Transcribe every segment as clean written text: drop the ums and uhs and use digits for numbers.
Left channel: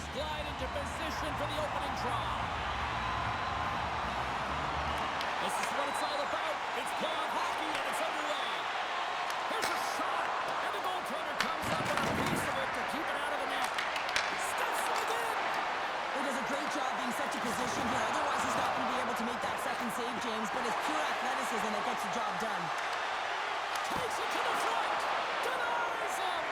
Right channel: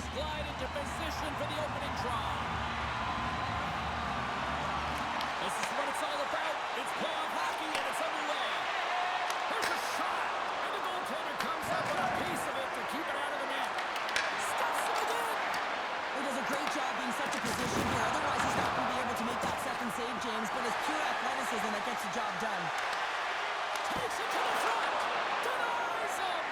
Players glide into position for the opening draw. This is what it's all about. It's playoff hockey, and it's underway. Here's a shot, and the goaltender comes up with a piece of it to keep it out of the net. Stuffs it again. He does a great job being such a position here. Otherwise, he's not going to be able to make that second save, James, but it's pure athleticism that gets the job done. Takes it to the front. Denies him.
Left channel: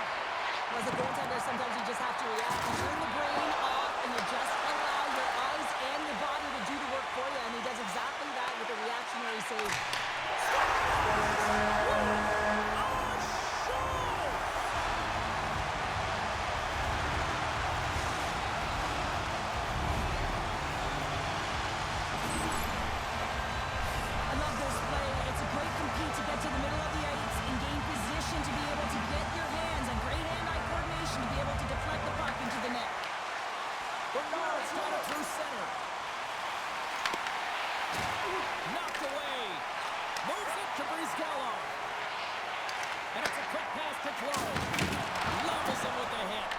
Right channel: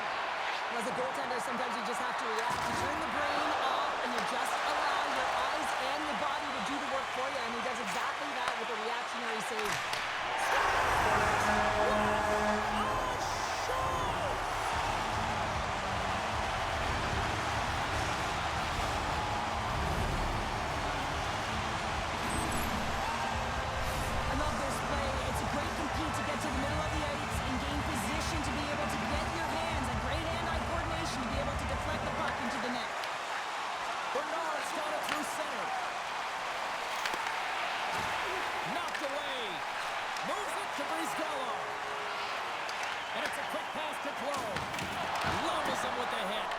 As a goaltender, sometimes you just have to react. You turn the brain off, and you just allow your eyes and your body to do the work for you, and he does exactly that with a reactionary save. I love this play. It's a great compete to get to the middle of the ice and gain position to be able to get your hands and great hand-eye coordination to be able to deflect the puck into the net. Bernard's got it through center. Knocked away. Moves it to Brizgallo. And it's a quick pass to Clow. Levels him with the hit.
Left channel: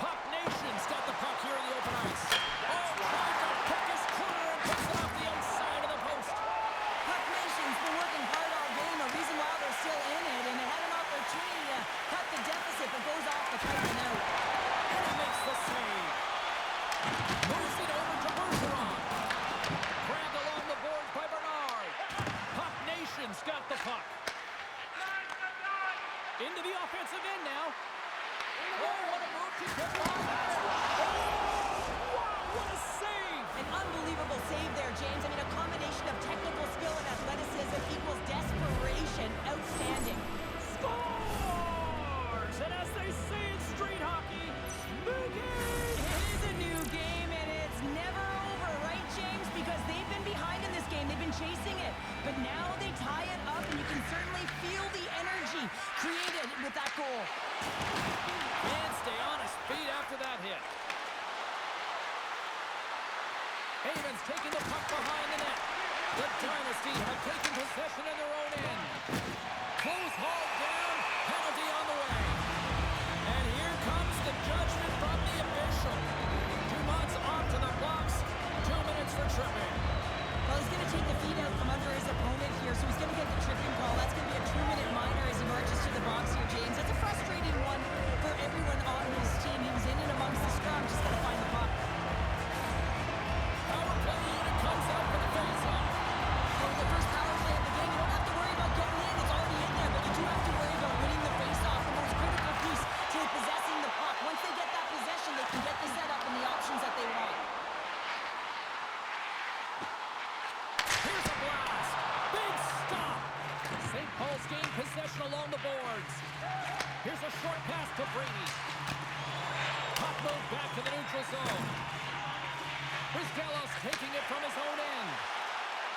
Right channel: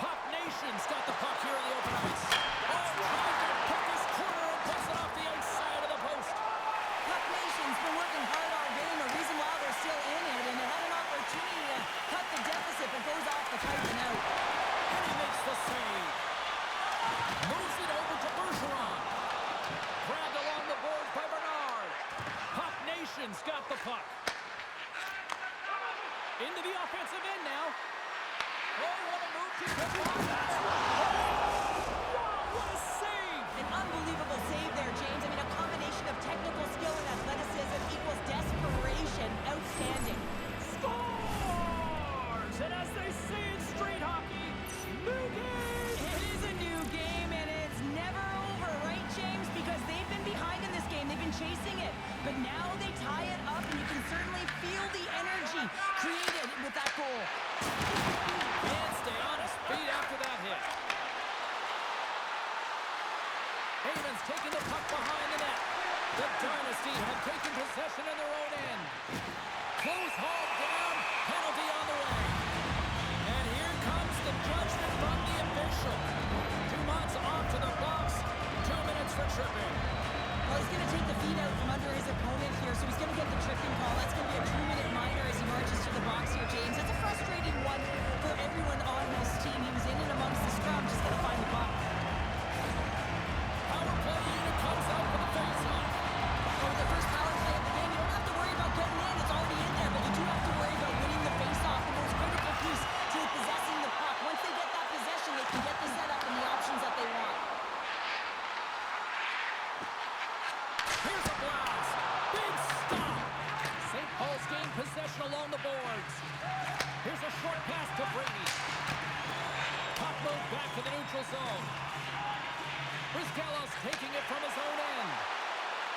Puck Nation's got the puck here in the open ice. Oh, tried to pick his corner and puts it off the outside of the post. Puck Nation's been working hard all game, a reason why they're still in it, and they had an opportunity to cut the deficit, but goes off the pipe and out. And he makes the save. Moves it over to Bergeron. Grabbed along the boards by Bernard. Puck Nation's got the puck. Into the offensive end now. Oh, what a move to get by. Oh, wow, what a save. An unbelievable save there, James. I mean, a combination of technical skill and athleticism equals desperation. Outstanding. Scores! And as they say in street hockey, new game. It is a new game, and it's never over, right, James? Because they've been behind in this game. They've been chasing it. But now they tie it up, and you can certainly feel the energy created with that goal. And stay on his feet after that hit. Havens taking the puck behind the net. The Dynasty have taken possession in their own end. Close hauled down, penalty on the way. And here comes the judgment from the official. Dumont's off to the box. 2 minutes for tripping. Well, he's going to take the feet out from under his opponent here, so he's going to get the tripping call. That's going to be a 2-minute minor as he marches to the box here, James. It's a frustrating one for everyone on his team. He was in and amongst the scrum, just got to find the puck. Power play unit comes out for the face-off. Well, the first power play of the game, you don't have to worry about getting in. It's already in there, but you do have to worry about winning the face-off, the most critical piece to possessing the puck. Once they get that possession, they can get the setup and the options that they want. Here's a blast. Big stop. St. Paul's gained possession along the boards. Here's a short pass to Brady. Puck moved back to the neutral zone. Brizgallo's taking it from his own end.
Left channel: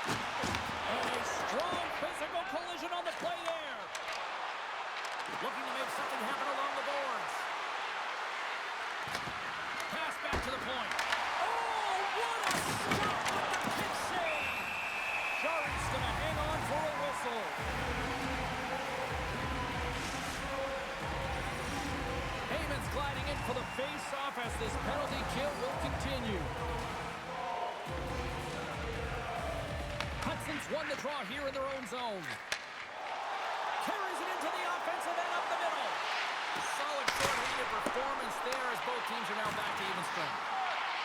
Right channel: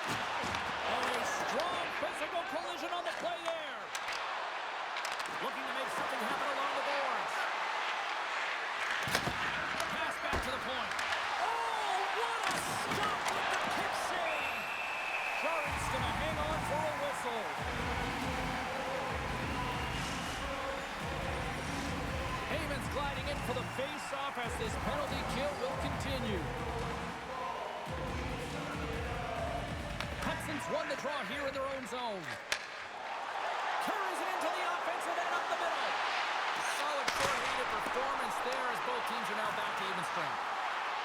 And a strong physical collision on the play there. Looking to make something happen along the boards. Pass back to the point. Oh, what a stop with the kick save. Jarry's going to hang on for a whistle. Heyman's gliding in for the face-off as this penalty kill will continue. Hudson's won the draw here in their own zone. Carries it into the offensive end up the middle. Solid short-handed performance there as both teams are now back to even strength.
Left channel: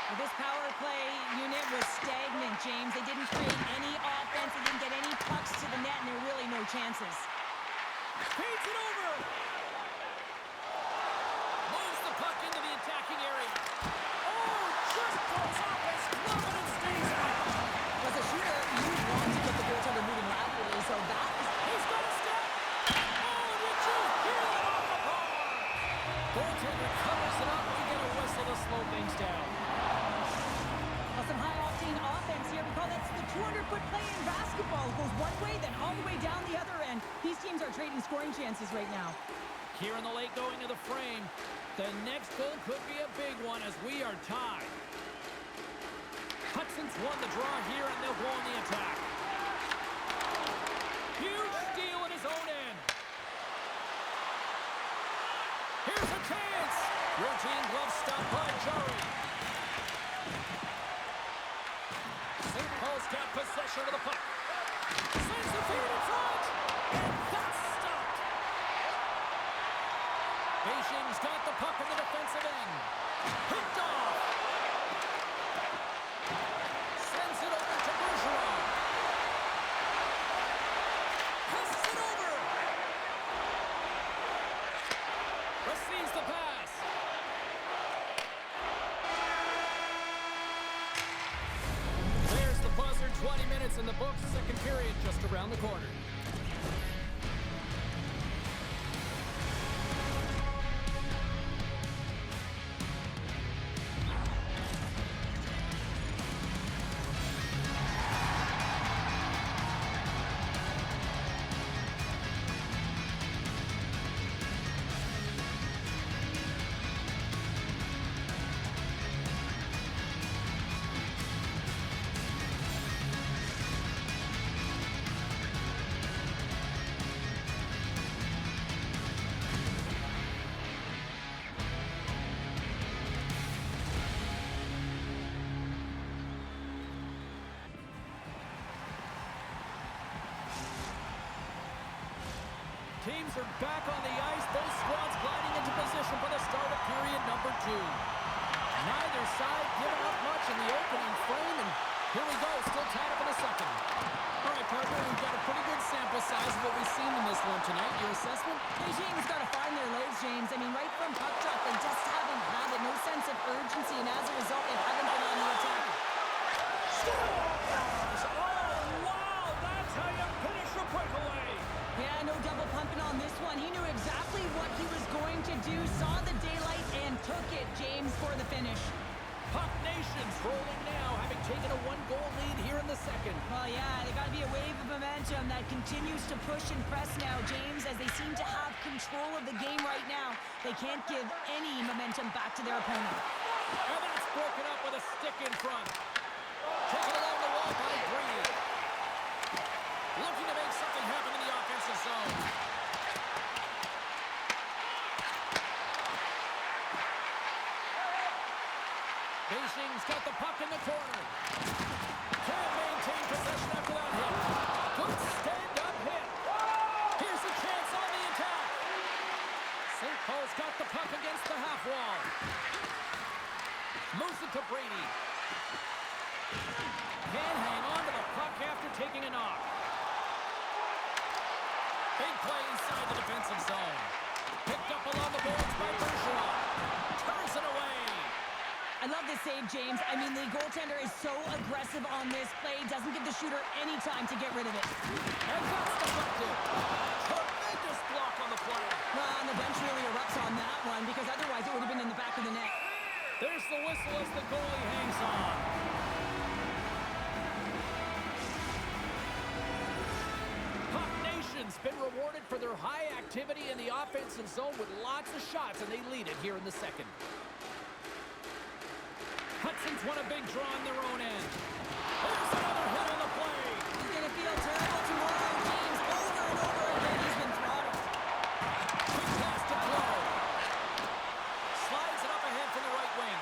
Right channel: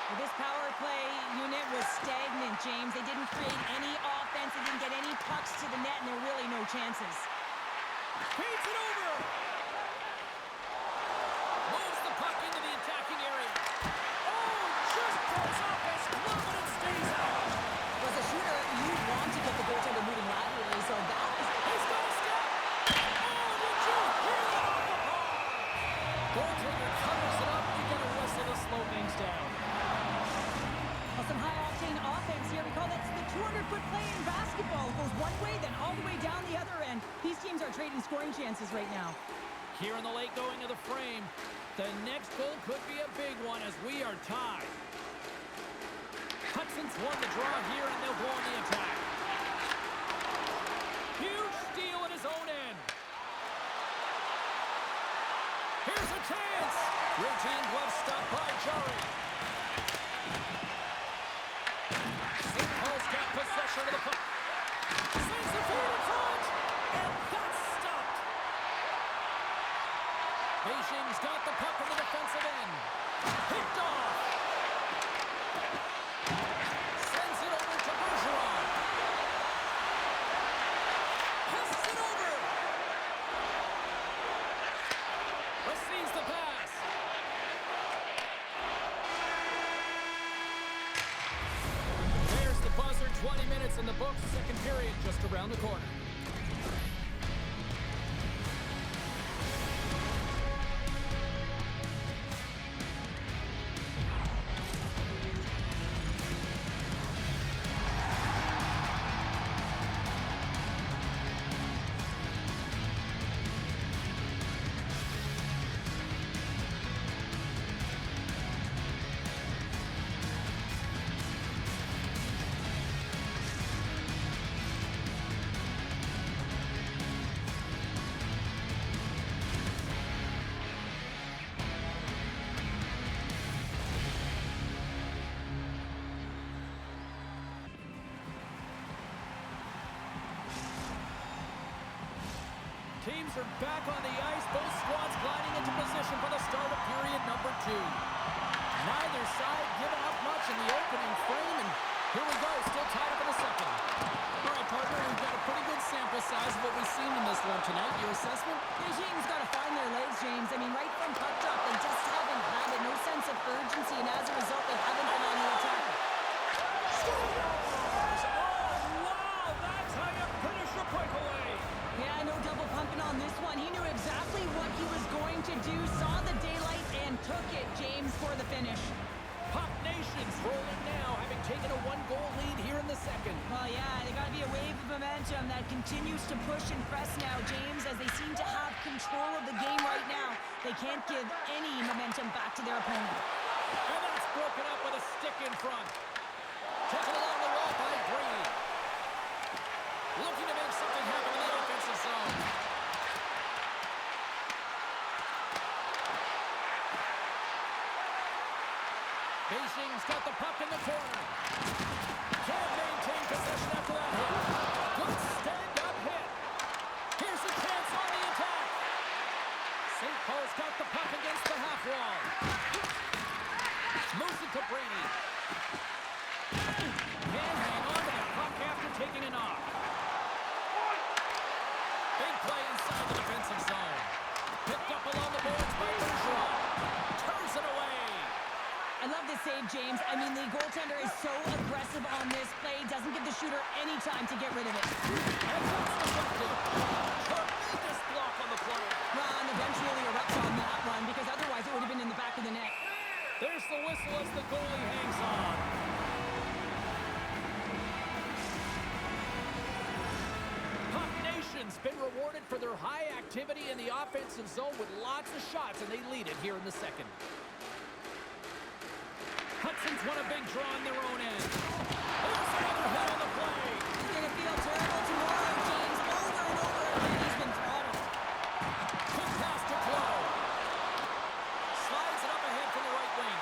Well, this power play unit was stagnant, James. They didn't create any offense. They didn't get any pucks to the net, and there are really no chances. Feeds it over. Moves the puck into the attacking area. Oh, just goes off his glove and it stays out. As a shooter, you want to get the goaltender moving laterally, so that is... He's got a step. Oh, did you hear that off the bar? Goaltender covers it up. You get a whistle to slow things down. Well, some high-octane offense here. We call that the 200-foot play in basketball. It goes one way, then all the way down the other end. These teams are trading scoring chances right now. Here in the late going of the frame, the next goal could be a big one as we are tied. Hudson's won the draw here, and they'll go on the attack. Huge steal in his own end. Here's a chance. Routine glove stop by Jari. St. Paul's got possession of the puck. Sends the feed in front, and that's stopped. Beijing's got the puck in the defensive end. Picked off. Sends it over to Bergeron. Passes it over. Receives the pass. There's the buzzer. 20 minutes in the books. Second period just around the corner. Teams are back on the ice. Both squads gliding into position for the start of period number 2. Neither side giving up much in the opening frame, and here we go, still tied up in the second. All right, partner, we've got a pretty good sample size of what we've seen in this one tonight. Your assessment? Beijing's got to find their legs, James. I mean, right from puck drop, they just haven't had it. No sense of urgency, and as a result, they haven't been on the attack. Scores! Oh, wow! That's how you finish a breakaway! Yeah, no double pumping on this one. He knew exactly what he was going to do, saw the daylight, and took it, James, for the finish. Puck Nation's rolling now, having taken a 1-goal lead here in the second. Well, yeah, they got to be a wave of momentum that continues to push and press now, James, as they seem to have control of the game right now. They can't give any momentum back to their opponent. And that's broken up with a stick in front. Taken along the wall by Brady. Looking to make something happen in the offensive zone. Beijing's got the puck in the corner. Can't maintain possession after that hit. Good stand-up hit. Here's a chance on the attack. St. Paul's got the puck against the half wall. Moves it to Brady. Can't hang on to the puck after taking a knock. Big play inside the defensive zone. Picked up along the boards by Bergeron. Turns it away. I love this save, James. I mean, the goaltender is so aggressive on this play. Doesn't give the shooter any time to get rid of it. And that's deflected. Tremendous block on the play. Well, and the bench really erupts on that one, because otherwise it would have been in the back of the net. There's the whistle as the goalie hangs on. Puck Nation's been rewarded for their high activity in the offensive zone with lots of shots, and they lead it here in the second. Hudson's won a big draw on their own end. There's another hit on the play. He's going to feel terrible tomorrow, James. Over and over again, he's been throttled. Quick pass to Clow. Slides it up ahead from the right wing.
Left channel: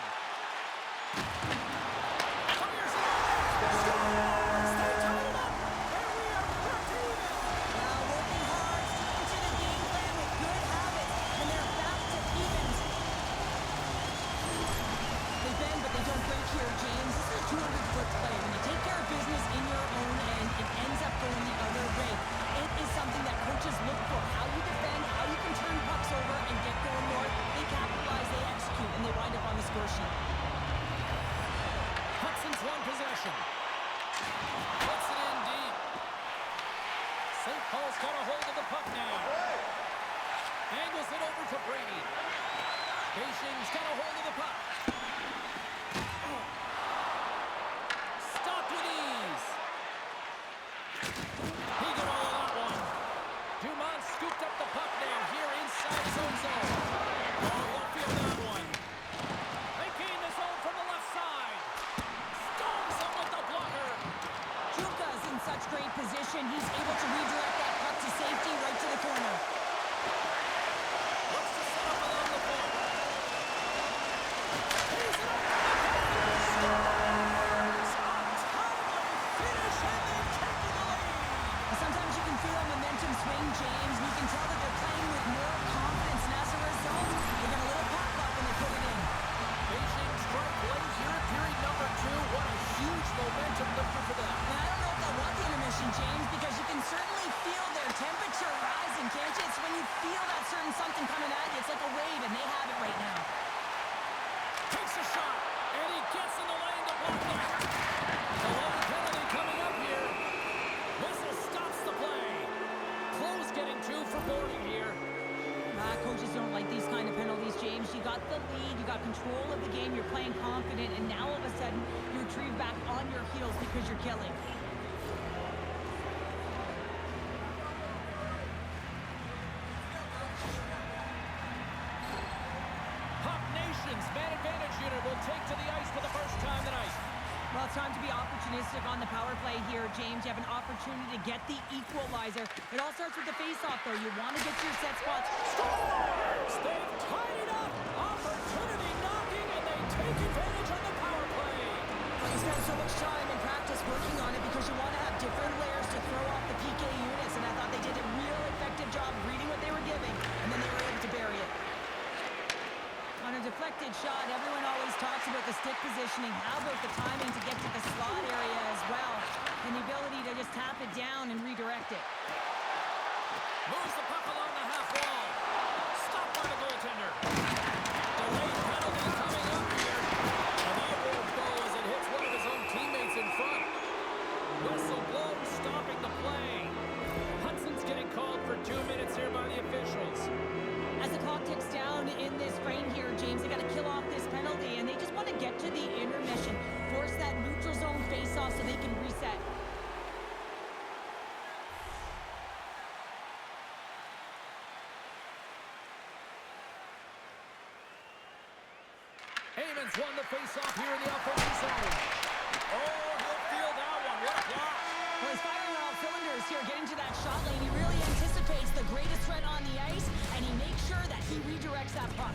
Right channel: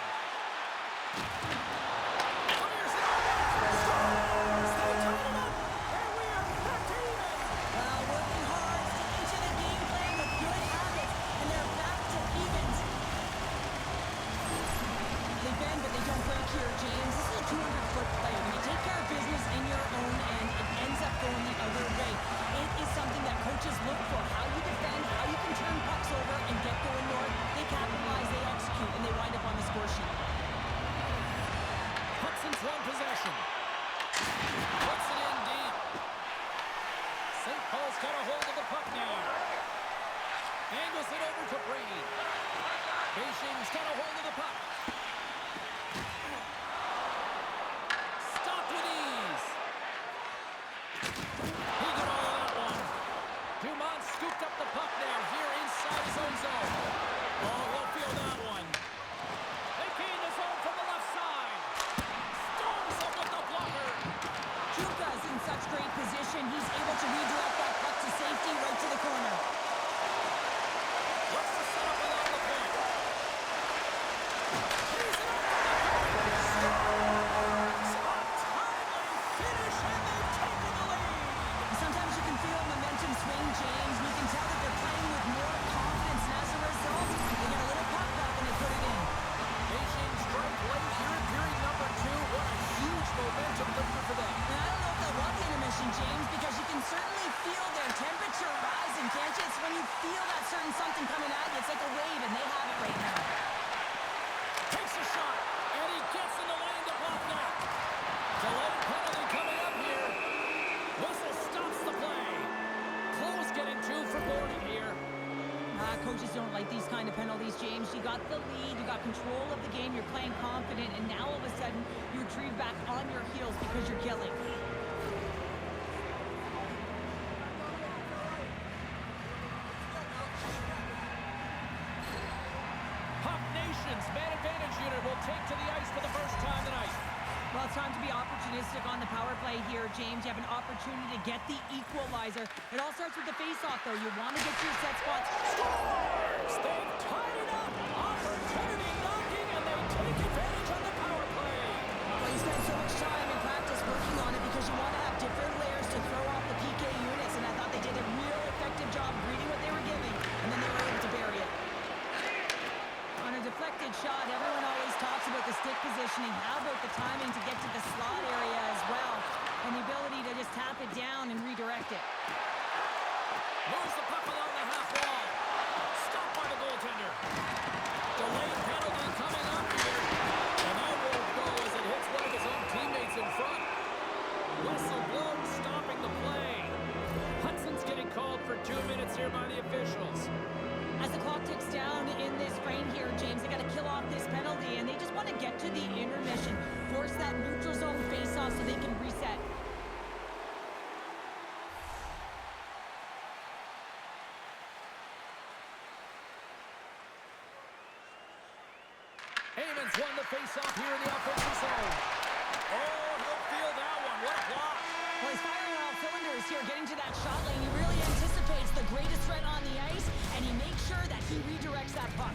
Fires it on net. Scores! They tied it up, and we are back to even. Well, working hard, sticking to the game plan with good habits, and they're back to evens. They bend, but they don't break here, James. This is a 200-foot play. When you take care of business in your own end, it ends up going the other way. It is something that coaches look for. How you defend, how you can turn pucks over and get going north. They capitalize, they execute, and they wind up on the score sheet. Hudson's won possession. Puts it in deep. St. Paul's got a hold of the puck now. Angles it over to Brady. Beijing's got a hold of the puck. Stopped with ease. He got all of that one. Dumont scooped up the puck now here inside his own zone. Oh, he'll feel that one. They gain the zone from the left side. Storms up with the blocker. Juka's in such great position. He's able to redirect that puck to safety right to the corner. Looks to set up along the point. got the lead, you got control of the game, you're playing confident, and now all of a sudden you retrieve back on your heels because you're killing. Man advantage unit will take to the ice for the first time tonight. Well, it's time to be opportunistic on the power play here, James. You have an opportunity to get the equalizer. It all starts with the face-off, though. You want to get to your set spots. Scores! They've tied it up. Opportunity knocking, and they take advantage on the power play. Well, you spend so much time in practice working on it because you want to have different layers to throw off the PK units, and I thought they did a real effective job reading what they were giving, and then they were able to bury it. On a deflected shot, everyone always talks about the stick positioning. How about the timing to get to the slot area as well? And the ability to just tap it down and redirect it. Moves the puck along the half wall. Stopped by the goaltender. Delayed penalty coming up here. And that won't go as it hits one of his own teammates in front. Whistle blown, stopping the play. Hudson's getting called for 2 minutes here by the officials. As the clock ticks down in this frame here, James, they got to kill off this penalty, and they just want to get to the intermission, force that neutral zone face-off so they can reset. Eamons won the face-off here in the offensive zone. Oh, he'll feel that one. What a block. Well, he's firing on all cylinders here, getting to that shot lane. He really anticipates the greatest threat on the ice, and he makes sure that he redirects that puck.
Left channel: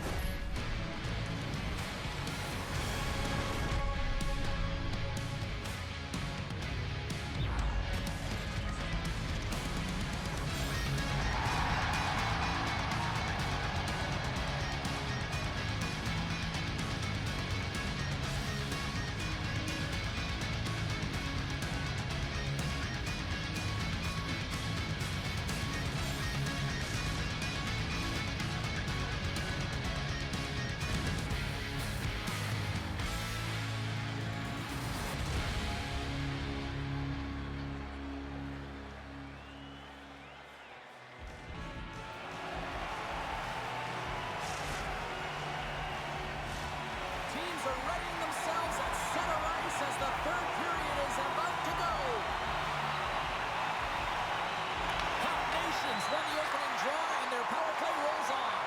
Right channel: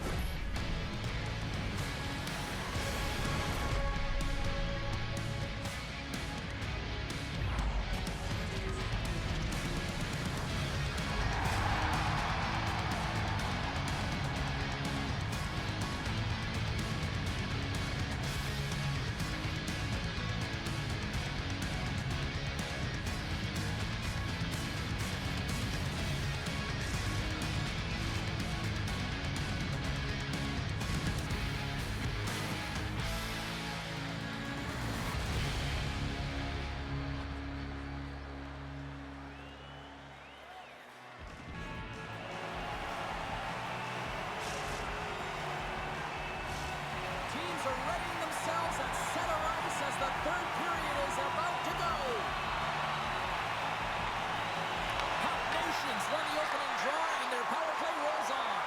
Are readying themselves at center ice as the third period is about to go. Hot Nations won the opening draw and their power play rolls on.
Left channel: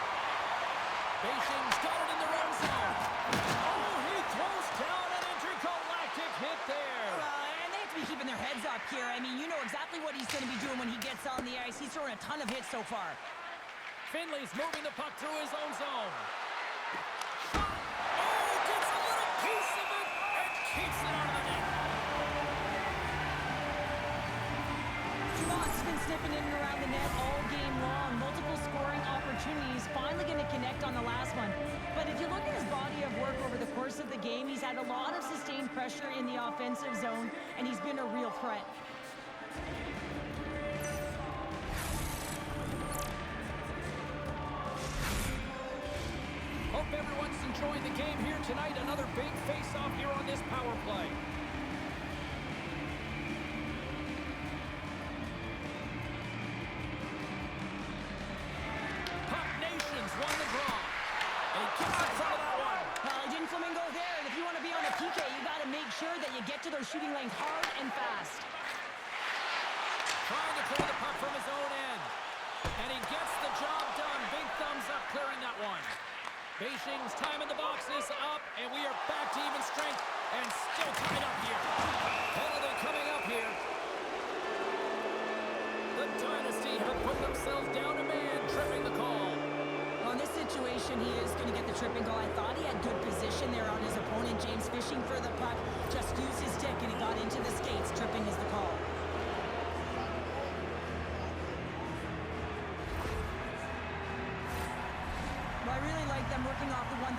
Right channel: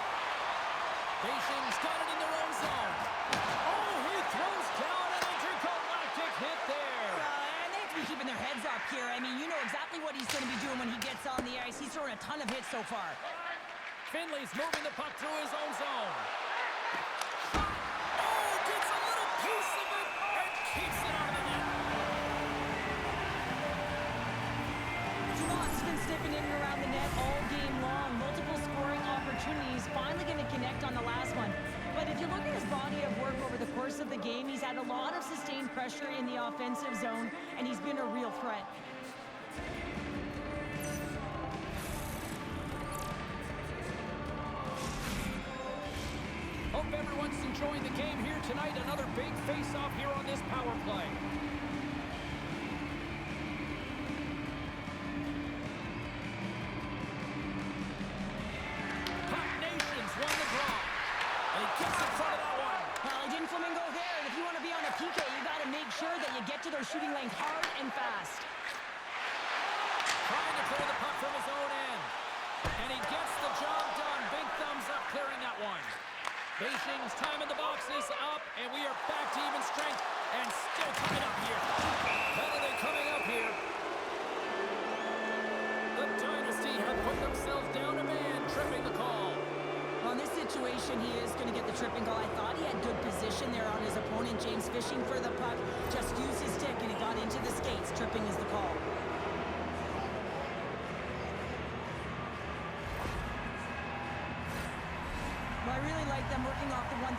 Beijing's got it in their own zone. Oh, he throws down an intergalactic hit there. And they have to be keeping their heads up here. I mean, you know exactly what he's going to be doing when he gets on the ice. He's throwing a ton of hits so far. Finley's moving the puck through his own zone. Piece of it and keeps it out of the net. Dumont's been sniffing in and around the net all game long. Multiple scoring opportunities. Finally going to connect on the last one. But if you look at his body of work over the course of the game, he's had a lot of sustained pressure in the offensive zone, and he's been a real threat. Hope everyone's enjoying the game here tonight. Another big face-off here on this power play. Hot Nations won the draw. And he gets in front of that one. Well, he didn't flamingo there, and if you want to be on a PK, you got to make sure that you get to those shooting lanes hard and fast. Trying to clear the puck from his own end. And he gets the job done. Big thumbs up clearing that one. Beijing's time in the box is up, and we are back to even strength, and still tied up here. Penalty coming up here. The Dynasty have put themselves down a man, tripping the call. Well, in this situation, he is going to get the tripping call. I thought he had good position there on his opponent, James, fishing for the puck. Just used his stick, and he got into the skates. Tripping is the call. Well, I really like them working off the 1-3-1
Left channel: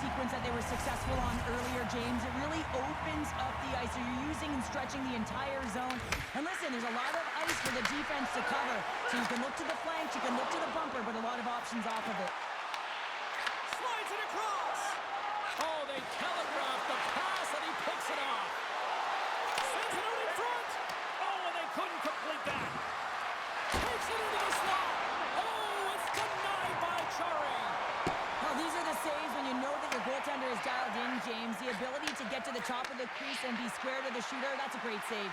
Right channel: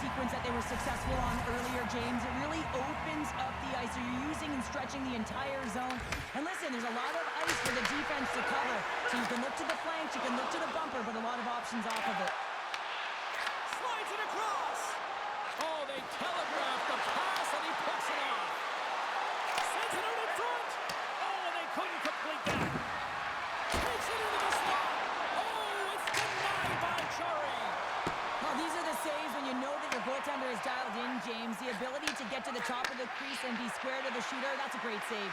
sequence that they were successful on earlier, James. It really opens up the ice. So you're using and stretching the entire zone. And listen, there's a lot of ice for the defense to cover. So you can look to the flanks, you can look to the bumper, but a lot of options off of it. Slides it across. Oh, they telegraphed the pass, and he picks it off. Sends it out in front. Oh, and they couldn't complete that. Takes it into the slot. Oh, it's denied by Chari. Well, these are the saves when you know that your goaltender is dialed in, James. The ability to get to the top of the crease and be square to the shooter, that's a great save.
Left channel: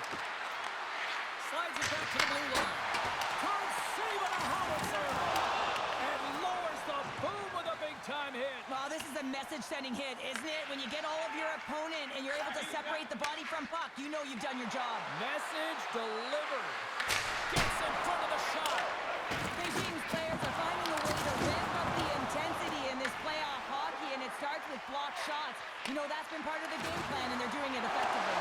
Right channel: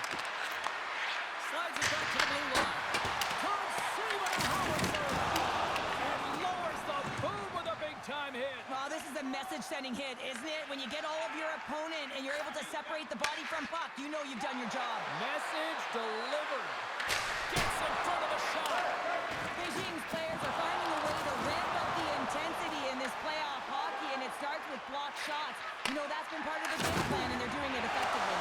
Slides it back to the blue line. Can't save it a howitzer. And lowers the boom with a big-time hit. Well, this is a message-sending hit, isn't it? When you get all of your opponent and you're able to separate the body from puck, you know you've done your job. Message delivered. Gets in front of the shot. Beijing's players are finding a way to ramp up the intensity in this playoff hockey, and it starts with blocked shots. You know, that's been part of the game plan, and they're doing it effectively.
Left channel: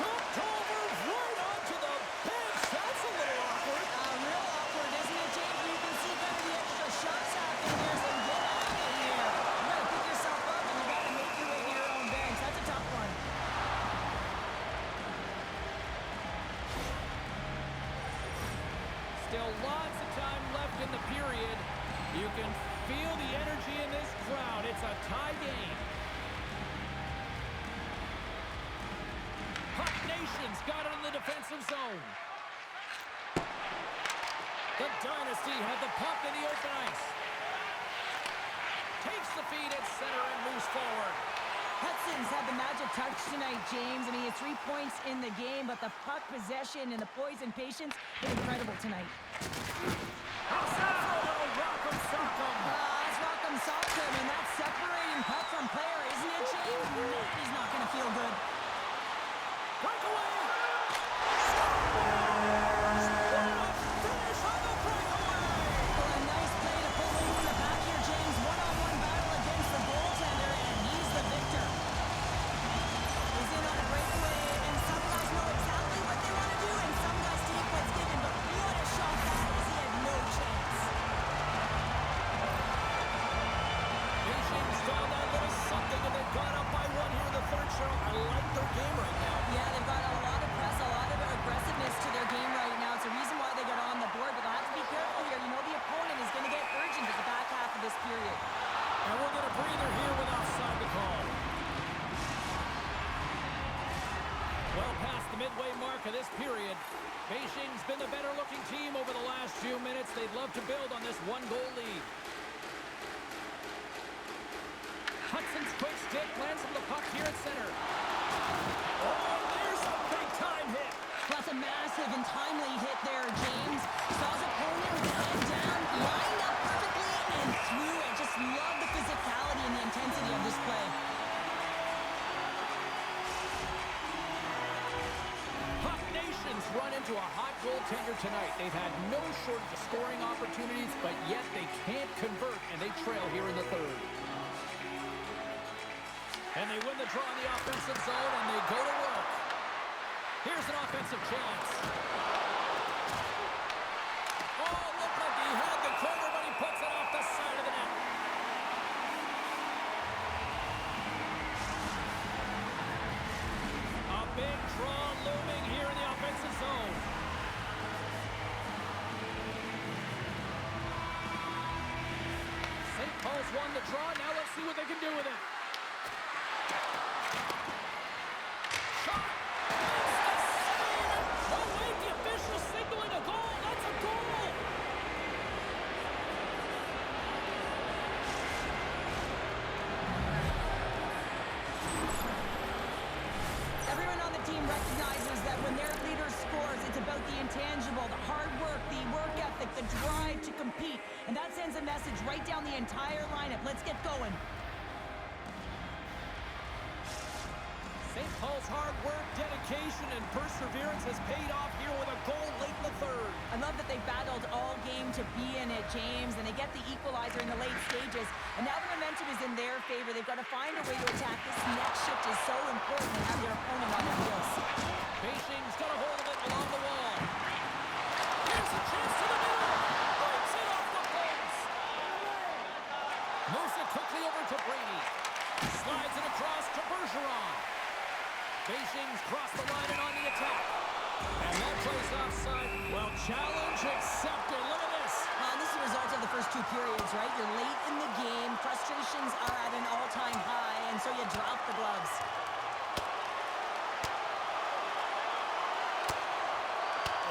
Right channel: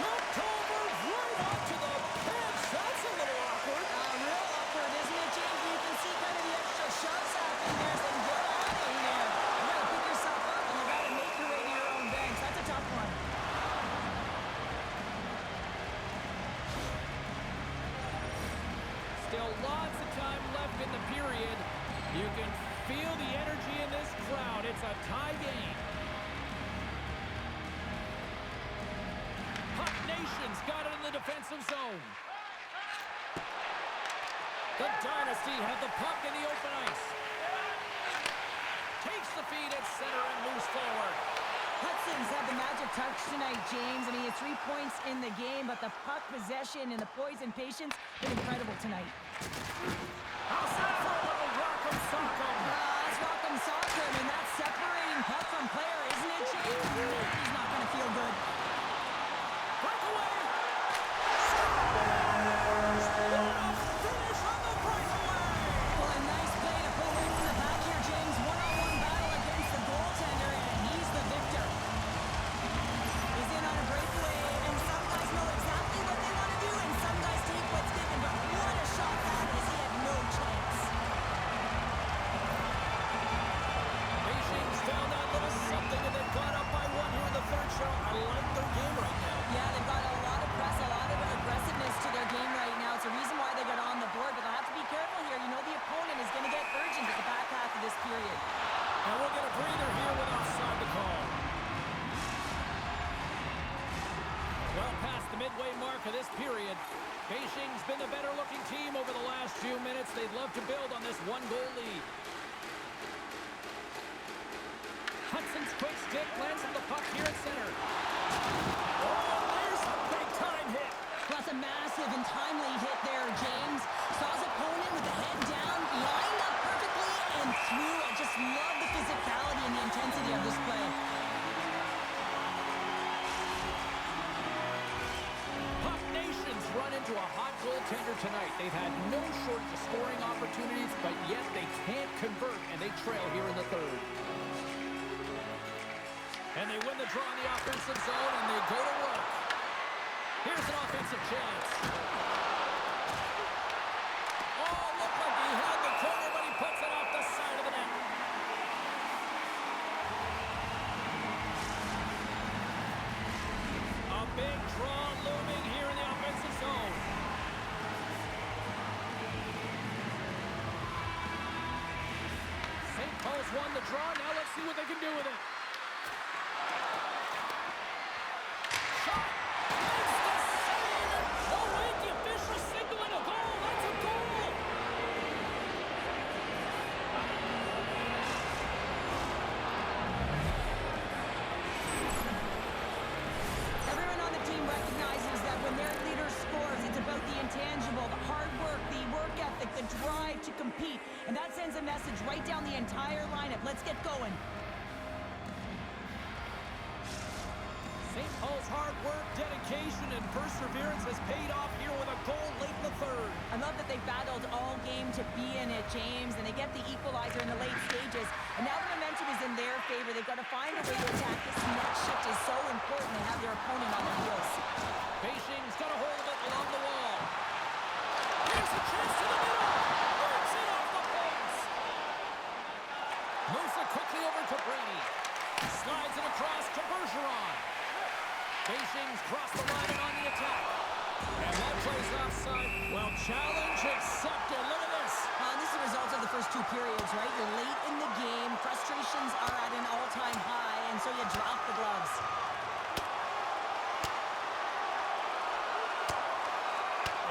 Jumped over right onto the bench. That's a little awkward. Real awkward, isn't it, James? You can see kind of the extra shoves happening there, saying, get out of here. You got to pick yourself up, and you got to make your way to your own bench. That's a tough one. Still lots of time left in the period. You can feel the energy in this crowd. It's a tie game. Puck Nation's got it in the defensive zone. The Dynasty have the puck in the open ice. Takes the feed at center and moves forward. Hudson's had the magic touch tonight, James. I mean, he had 3 points in the game, but the puck possession and the poise and patience been incredible tonight. How's that for a little rock'em sock'em? That's rock'em sock'em, and that's separating puck from player, isn't it, James? Man, he's not going to feel good. Breakaway! Scores! What a finish on the breakaway! Well, a nice play to pull away from the back here, James. One-on-one battle against the goaltender, and he's the victor. He's in on a breakaway, and some guys know exactly what they want to do, and some guys take what's given, but what a shot that is. He had no chance. Beijing's found that little something, and they've got up by one here in the third show. I like their game right now. Yeah, they've got a lot of press, a lot of aggressiveness to their game right now. It's a reason why they got on the board, but they'll have to be careful here. You know the opponent is going to get urgent at the back half of this period. And we'll get a breather here with offside the call. Well past the midway mark of this period, Beijing's been the better-looking team over the last few minutes. They'd love to build on this one-goal lead. Hudson's quick stick lands from the puck here at center. Oh, and there's a big-time hit. Plus a massive and timely hit there, James. Saw his opponent with the head down, lined up perfectly, and threw it. Just love the physicality and the intensity of this play. Puck Nation's run into a hot goaltender tonight. They've had no shortage of scoring opportunities, but yet they can't convert, and they trail here in the third. And they win the draw in the offensive zone, and they go to work. Here's an offensive chance. Oh, looked like he had the corner, but he puts it off the side of the net. A big draw looming here in the offensive zone. St. Paul's won the draw. Now let's see what they can do with it. Shot! Makes the save! Oh, wait, the official signaling a goal. That's a goal! Everyone on the team recognizes that when their leader scores, it's about the intangible, the hard work, the work ethic, the drive to compete. And that sends a message right down the entire lineup. Let's get going. St. Paul's hard work, dedication, and perseverance has paid off here with a goal late in the third. I love that they battled all game to be in it, James, and they get the equalizer in the late stages. And now the momentum is in their favor. They've got to find a way to attack. This next shift is so important to have their opponent on their heels. Beijing's got a hold of it along the wall. Here's a chance to the middle. Breaks it off the post. Moves it quickly over to Brady. Slides it across to Bergeron. Beijing's crossed the line and on the attack. And that plays offside. Well, challenge accepted. Look at this. This is the result of the first two periods, right? You're late in the game. Frustrations are at an all-time high, and so you drop the gloves.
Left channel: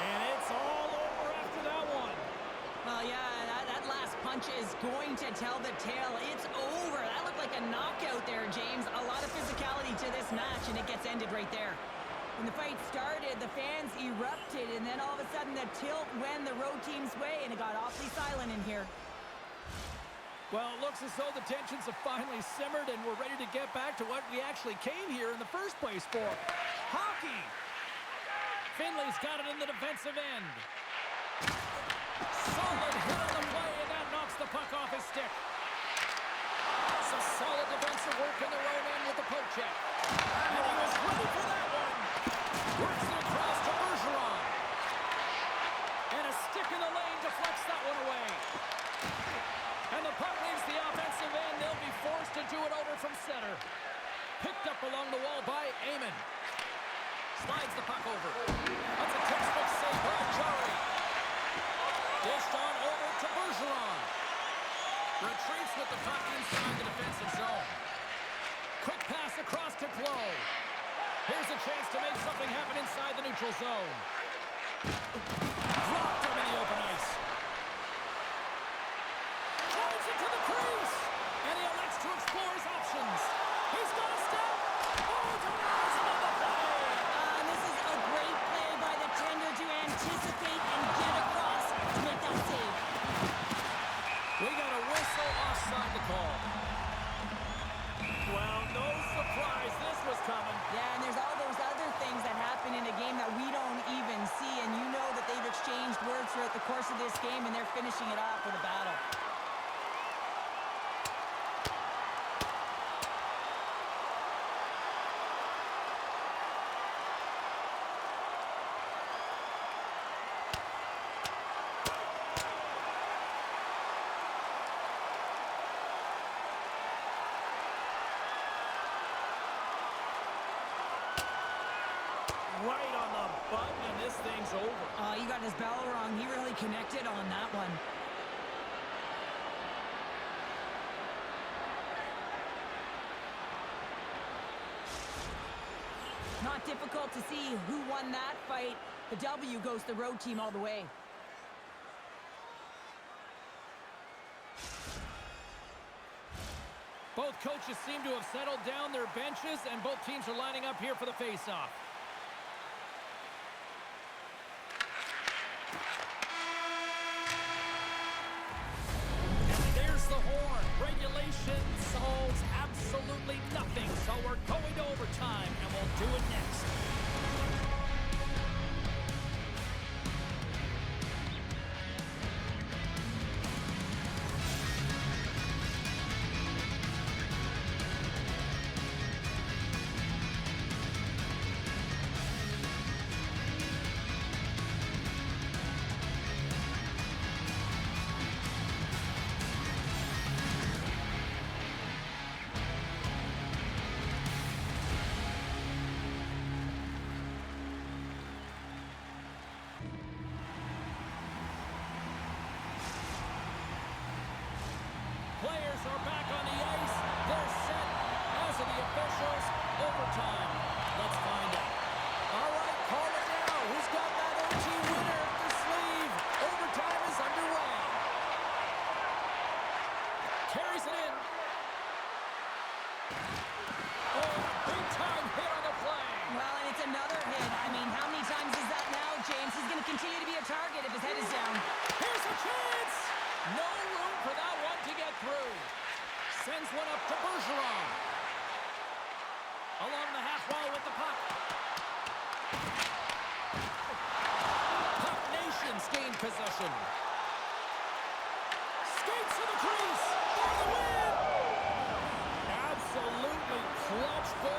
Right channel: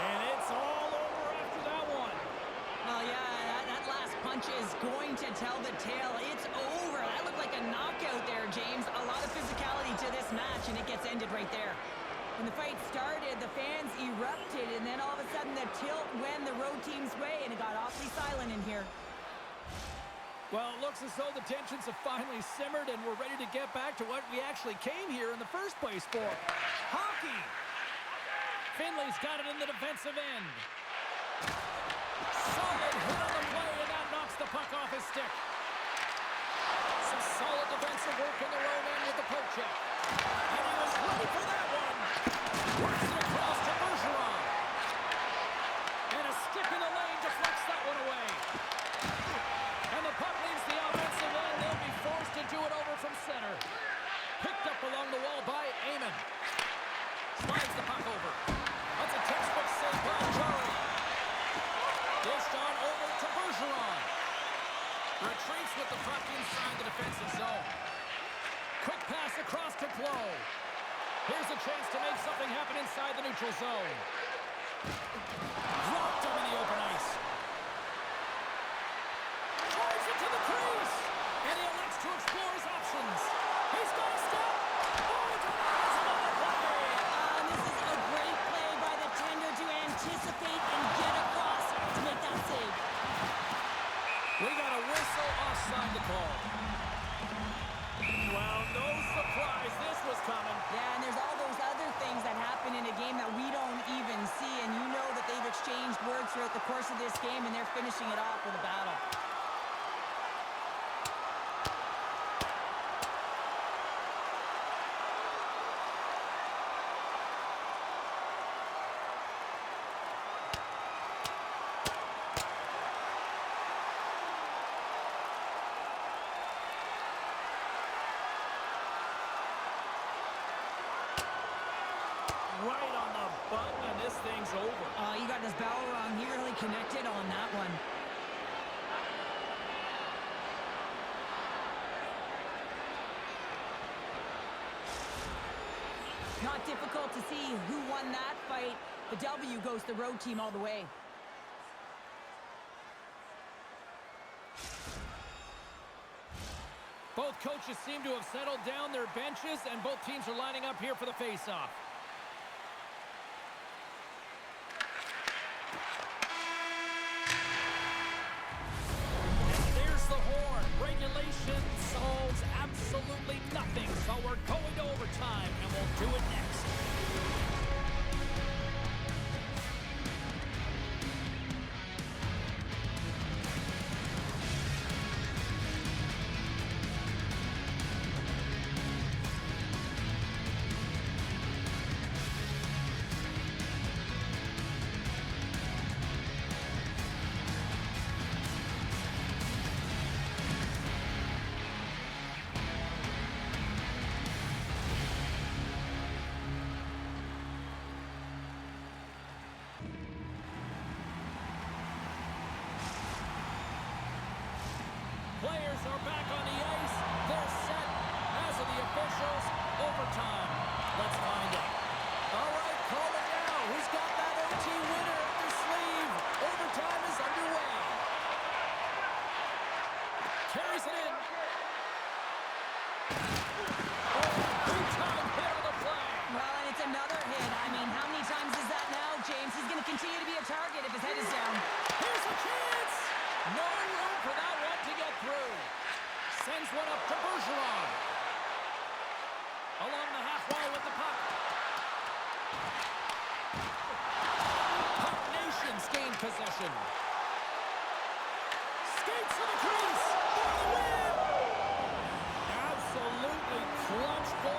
And it's all over after that one. Well, yeah, that last punch is going to tell the tale. It's over. That looked like a knockout there, James. A lot of physicality to this match, and it gets ended right there. When the fight started, the fans erupted, and then all of a sudden the tilt went the road team's way, and it got awfully silent in here. Well, it looks as though the tensions have finally simmered, and we're ready to get back to what we actually came here in the first place for. Hockey! Finley's got it in the defensive end. Solid hit on the play, and that knocks the puck off his stick. Some solid defensive work in their own end with the poke check. And he was ready for that one. Works it across to Bergeron. And a stick in the lane deflects that one away. And the puck leaves the offensive end. They'll be forced to do it over from center. Picked up along the wall by Amon. Slides the puck over. That's a textbook save by Jari. Dished on over to Bergeron. Retreats with the puck inside the defensive zone. Quick pass across to Clough. Here's a chance to make something happen inside the neutral zone. Dropped him in the open ice. Drives it to the crease. And he elects to explore his options. He's got a step. Oh, denies him on the play. And this is a great play by the tender to anticipate and get across to make that save. We got a whistle offside to call. Well, no surprise this was coming. Yeah, and there's all those other things that happen in a game that we don't even see, and you know that they've exchanged words throughout the course of this game, and they're finishing it off with a battle. Right on the button, and this thing's over. Oh, you got his bell wrong. He really connected on that one. Not difficult to see who won that fight. The W goes to the road team all the way. Both coaches seem to have settled down their benches, and both teams are lining up here for the face-off. And there's the horn. Regulation solves absolutely nothing, so we're going to overtime, and we'll do it next. Players are back on the ice. They're set, as are the officials. Overtime. Let's find out. All right, call it now. Who's got that OT winner up their sleeve? Overtime is underway. Carries it in. Oh, big-time hit on the play. Well, and it's another hit. I mean, how many times is that now, James? He's going to continue to be a target if his head is down. Here's a chance. No room for that one to get through. Sends one up to Bergeron. Along the half wall with the puck. Puck Nations gain possession. Skates to the crease for the win. Absolutely clutch goal